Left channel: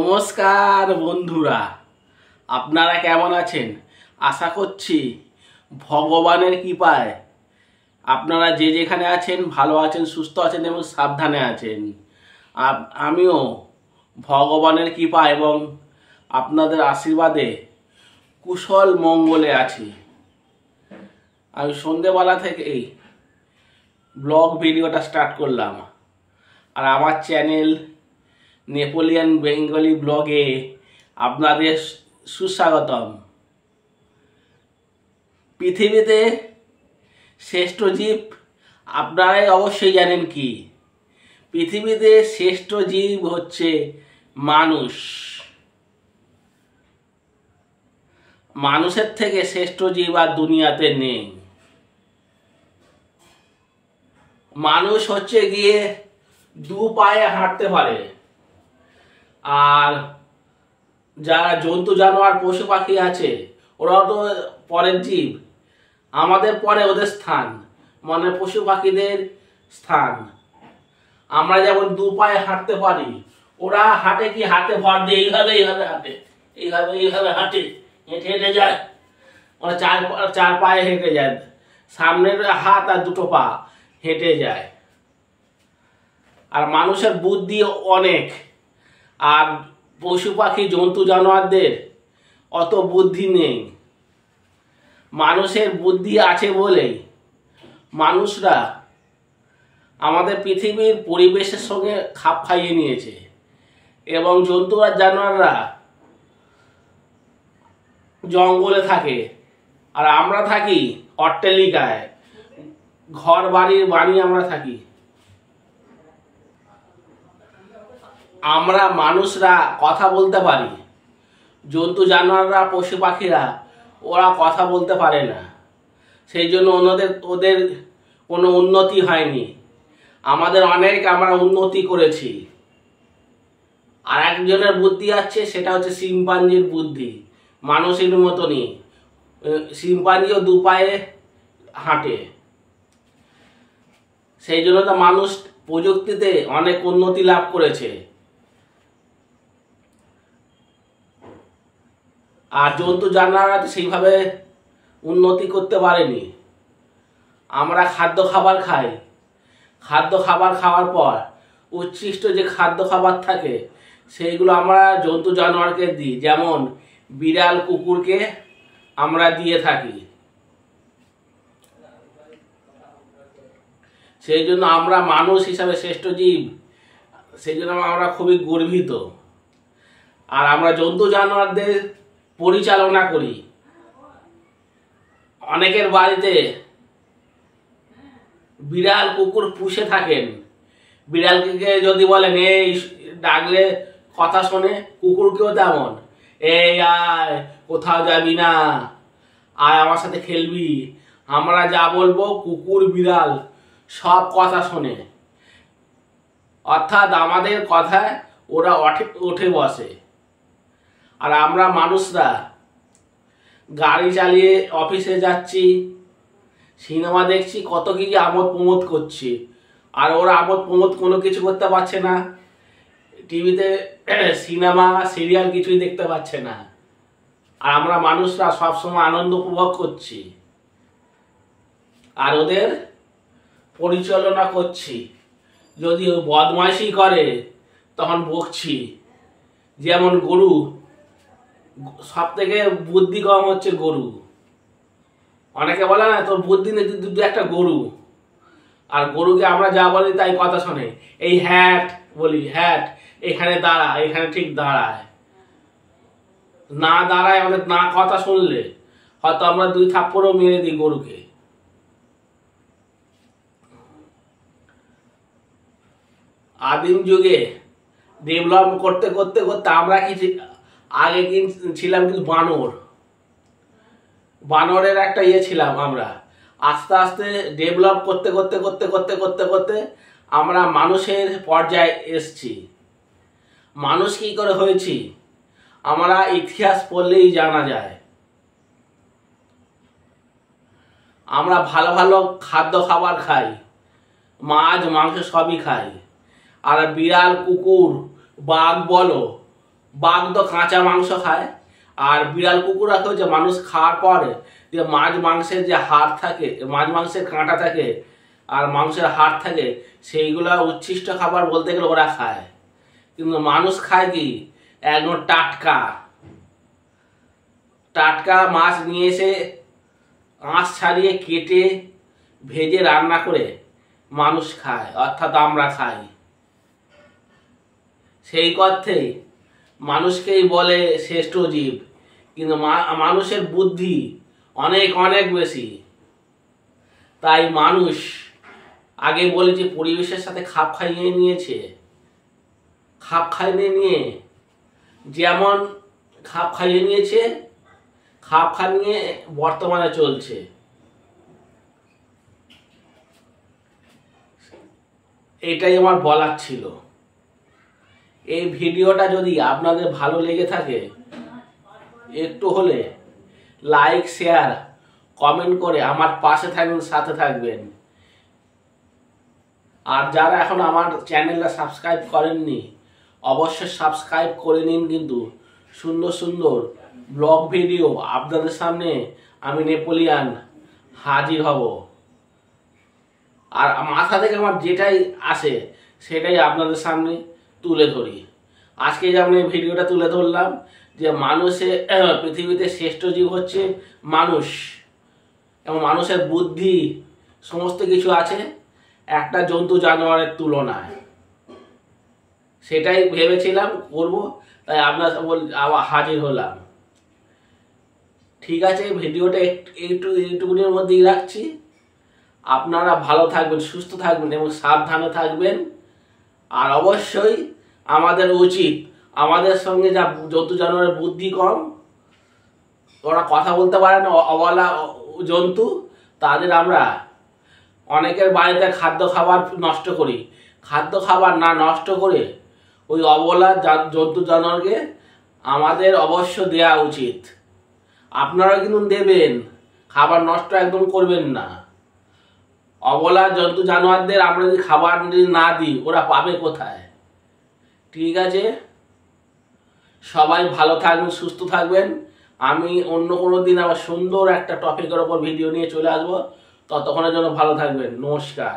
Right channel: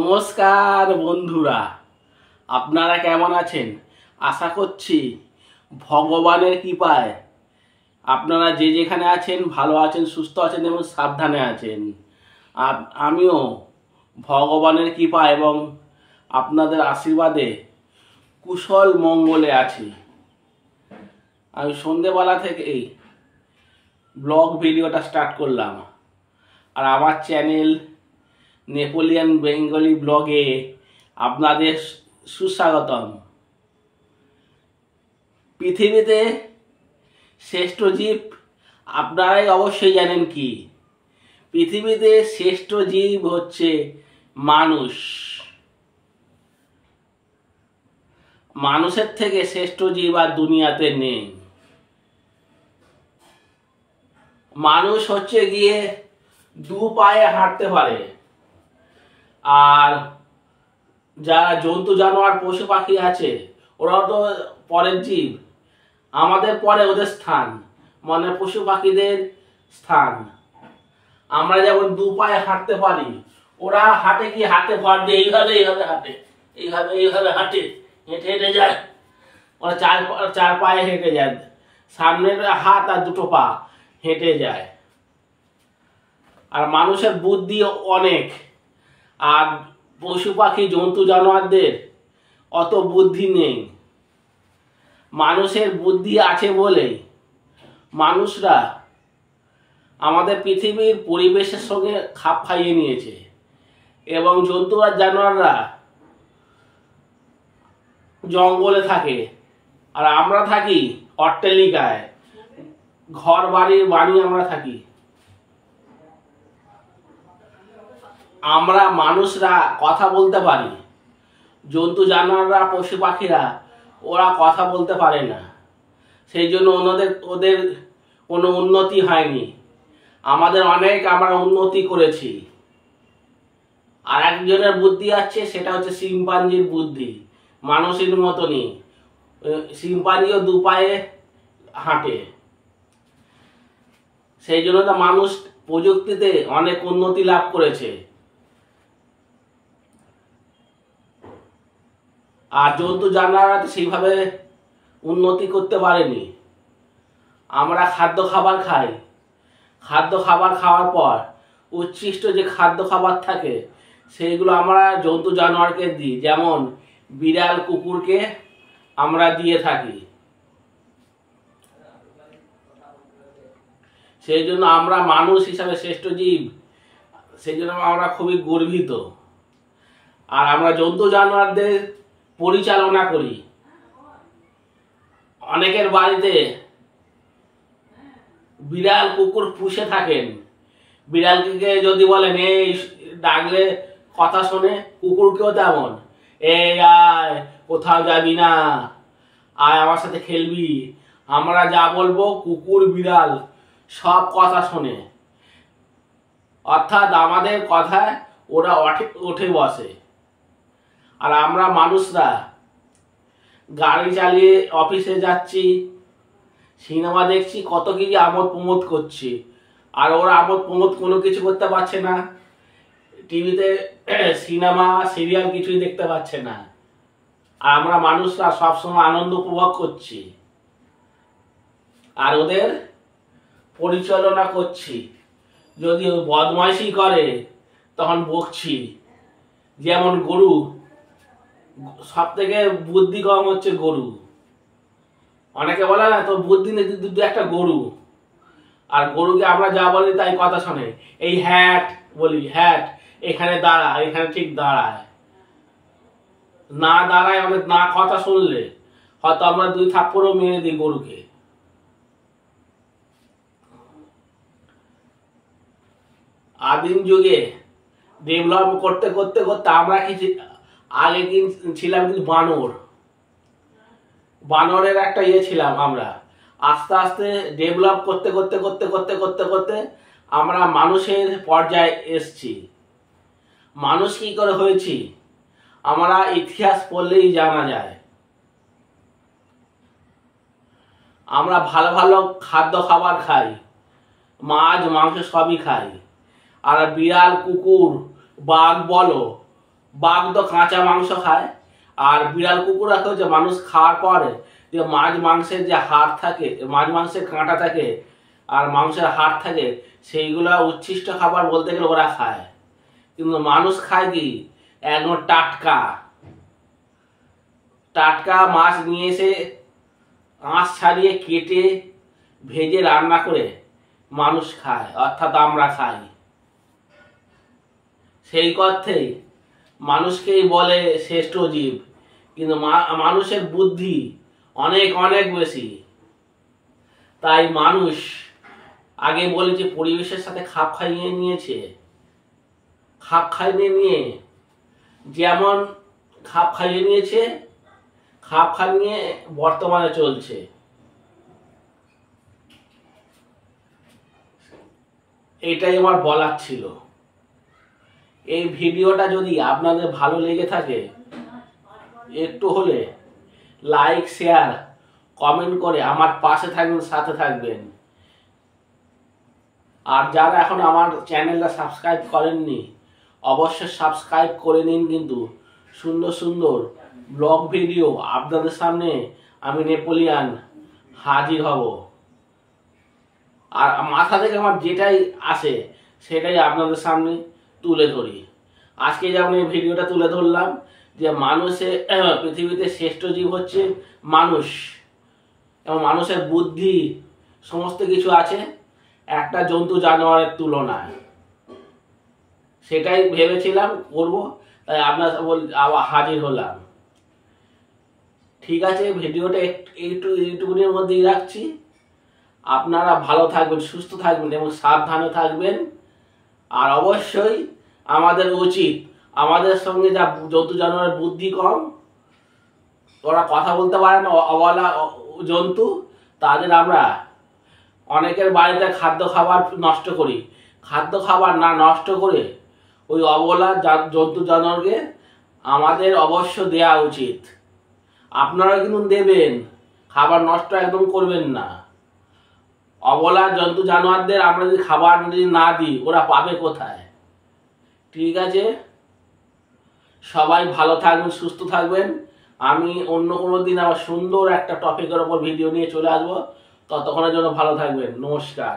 নমস্কার বন্ধুরা, আপনারা কেমন আছেন? আশা করছি ভগবানের কৃপায় আপনারা যে যেখানে আছেন ভালো আছেন, সুস্থ আছেন এবং সাবধানে আছেন। আমিও ভগবানের কৃপা এবং আপনাদের আশীর্বাদে কুশল মঙ্গলে আছি। আমি সন্ধেবেলা থেকেই ব্লগ ভিডিওটা স্টার্ট করলাম, আর আমার চ্যানেল নেপোলিয়ান বেঙ্গলি ব্লগে আপনাদের সুস্বাগতম। পৃথিবীতে শ্রেষ্ঠ জীব আপনারাই অবশ্যই জানেন কি? পৃথিবীতে শ্রেষ্ঠ জীব হচ্ছে মানুষ। মানুষের থেকে শ্রেষ্ঠ জীব আর দুনিয়াতে নেই। মানুষ হচ্ছে গিয়ে দু পায়ে হাঁটতে পারে, আর যারা জন্তু জানোয়ার পশু পাখি আছে ওরাও তো পরের জীব, আমাদের পরে ওদের স্থান, মানে পশু পাখিদের স্থান। আমরা যেমন দু পায়ে হাঁটতে পারি, ওরা হাঁটে কি? হাতে ভর দিয়ে এইভাবে এইভাবে হাঁটে, এইভাবে এইভাবে হাঁটে, হেঁটে হেঁটে যায়। ওরা চার পায়ে হেঁটে যায়, সামনের হাত আর দুটো পা হেঁটে যায়। আর মানুষের বুদ্ধি অনেক, আর পশু পাখি জন্তু জানোয়ারদের অত বুদ্ধি নেই। মানুষের বুদ্ধি আছে বলেই মানুষরা আমাদের পৃথিবীর পরিবেশের সঙ্গে খাপ খাইয়ে নিয়েছে, এবং জন্তু আর জানোয়াররা জঙ্গলে থাকে, আর আমরা থাকি অট্টালিকায়, ঘর বাড়ির বানিয়ে আমরা থাকি। আমরা মানুষরা কথা বলতে পারি, জন্তু জানোয়াররা পশু পাখিরা ওরা কথা বলতে পারে না, সেই জন্য ওদের কোনো উন্নতি হয়নি। আমরা উন্নতি করেছি। আর একজনের বুদ্ধি আছে, সেটা হচ্ছে শিম্পাঞ্জির বুদ্ধি। মানুষের মতনই শিম্পাঞ্জিও দু পায়ে হাঁটে, সেই জন্য তো মানুষ প্রযুক্তিতে অনেক উন্নতি লাভ করেছে। আর জন্তু জানোয়াররা তো সেইভাবে উন্নতি করতে পারেনি। আমরা খাদ্য খাবার খাই, খাদ্য খাবার খাওয়ার পর উচ্ছিষ্ট যে খাদ্য খাবার থাকে সেইগুলো আমরা জন্তু জানোয়ারকে দিই, যেমন বিড়াল কুকুরকে আমরা দিয়ে থাকি। সেই জন্য আমরা মানুষ হিসাবে শ্রেষ্ঠ জীব, সেই জন্য আমরা খুবই গর্বিত। আর আমরা জন্তু জানোয়ারদের পরিচালনা করি। অনেকের বাড়িতে বিড়াল কুকুর পুষে থাকেন, বিড়ালকে যদি বলেন এই ডাকলে কথা শোনে, কুকুরকেও তেমন, এই আয়, কোথাও যাবি না, আয় আমার সাথে খেলবি। আমরা যা বলবো কুকুর বিড়াল সব কথা শোনে, অর্থাৎ আমাদের কথায় ওরা ওঠে বসে। আর আমরা মানুষরা গাড়ি চালিয়ে অফিসে যাচ্ছি, সিনেমা দেখছি, কত কিছু আমোদ প্রমোদ করছি, আর ওরা আমোদ প্রমোদ কোনো কিছু করতে পারছে না। টিভিতে সিনেমা সিরিয়াল কিছুই দেখতে পাচ্ছে না, আর আমরা মানুষরা সবসময় আনন্দ উপভোগ করছি আর ওদের পরিচালনা করছি। যদি বদমাইশি করে তখন বকছি। যেমন গরু, সব থেকে বুদ্ধি কম হচ্ছে গরু। অনেকে বলে না তোর বুদ্ধি নেই, তুই একটা গরু। আর গরুকে আমরা যা বলি তাই কথা শোনে। এই হ্যাট বলি, হ্যাট, এখানে দাঁড়া, এখানে ঠিক দাঁড়ায় না, দাঁড়ায় আমাদের না কথা শুনলে হয়তো আমরা দুই থাপ্পড়ও মেরে দিই গরুকে। আদিম যুগে ডেভেলপ করতে করতে করতে আমরা আগে ছিলাম কিন্তু বানরের একটা ছিলাম আমরা। আস্তে আস্তে ডেভেলপ করতে করতে করতে করতে করতে করতে আমরা মানুষের পর্যায়ে এসছি। মানুষ কি করে হয়েছি আমরা ইতিহাস পড়লেই জানা যায়। আমরা ভালো ভালো খাদ্য খাবার খাই, মাছ মাংস সবই খাই। আর বিড়াল কুকুর বাঘ বলো বাঘ তো কাঁচা মাংস খায়, আর বিড়াল কুকুর আছে যে মানুষ খাওয়ার পরে যে মাংসের যে হাড় থাকে, মাংসের কাঁটা থাকে আর মাংসের হাড় থাকে, সেইগুলো উচ্ছিষ্ট খাবার বলতে গেলে ওরা খায়। কিন্তু মানুষ খায় কি একদম টাটকা টাটকা মাছ নিয়ে এসে আঁশ ছাড়িয়ে কেটে ভেজে রান্না করে মানুষ খায়, অর্থাৎ আমরা খাই। সেই অর্থেই মানুষকেই বলে শ্রেষ্ঠ জীব, কিন্তু মানুষের বুদ্ধি অনেক অনেক বেশি। তাই মানুষ আগে বলেছি পরিবেশের সাথে খাপ খাইয়ে নিয়েছে, খাপ খাইয়ে নিয়ে যেমন খাপ খাইয়ে নিয়েছে, খাপ খাইয়ে বর্তমানে চলছে। এটাই আমার বলার ছিল। এই ভিডিওটা যদি আপনাদের ভালো লেগে থাকে একটু হলে লাইক, শেয়ার, কমেন্ট করে আমার পাশে থাকবেন, সাথে থাকবেন। আর যারা এখন আমার চ্যানেলটা সাবস্ক্রাইব করেননি অবশ্যই সাবস্ক্রাইব করে নিন। কিন্তু সুন্দর সুন্দর ব্লগ ভিডিও আপনাদের সামনে আমি নেপোলিয়ান হাজির হব। আর মাথা থেকে আমার যেটাই আসে সেটাই আপনাদের সামনে তুলে ধরি। আজকে যেমন এই ভিডিওটা তুলে ধরলাম যে পৃথিবীতে শ্রেষ্ঠ জীব হচ্ছে মানুষ, এবং মানুষের বুদ্ধি সমস্ত কিছু আছে একটা জন্তু জানোয়ারের তুলনায়। সেটাই ভেবেছিলাম করব, তাই আপনার আবার হাজির হলাম। ঠিক আছে, ভিডিওটা এইটুকুনির মধ্যেই রাখছি। আপনারা ভালো থাকবেন, সুস্থ থাকবেন এবং সাবধানে থাকবেন। আর অবশ্যই আমাদের উচিত, আমাদের সঙ্গে যা জন্তু জানোয়ারের বুদ্ধি কম, ওরা কথা বলতে পারে না, অবলা জন্তু, তাদের আমরা অনেকের বাড়িতে খাদ্য খাবার নষ্ট করি। খাদ্য খাবার না নষ্ট করে ওই অবলা জন্তু জানোয়ারকে আমাদের অবশ্য দেওয়া উচিত। আপনারা কিন্তু দেবেন, খাবার নষ্ট একদম করবেন না। অবলা জন্তু জানোয়ারদের আমরা যদি খাবার যদি না দিই ওরা পাবে কোথায়? ঠিক আছে, সবাই ভালো থাকবেন, সুস্থ থাকবেন। আমি অন্য কোনো দিন আবার সুন্দর একটা টপিকের ওপর ভিডিও নিয়ে চলে আসবো। ততক্ষণের জন্য ভালো থাকবেন। নমস্কার।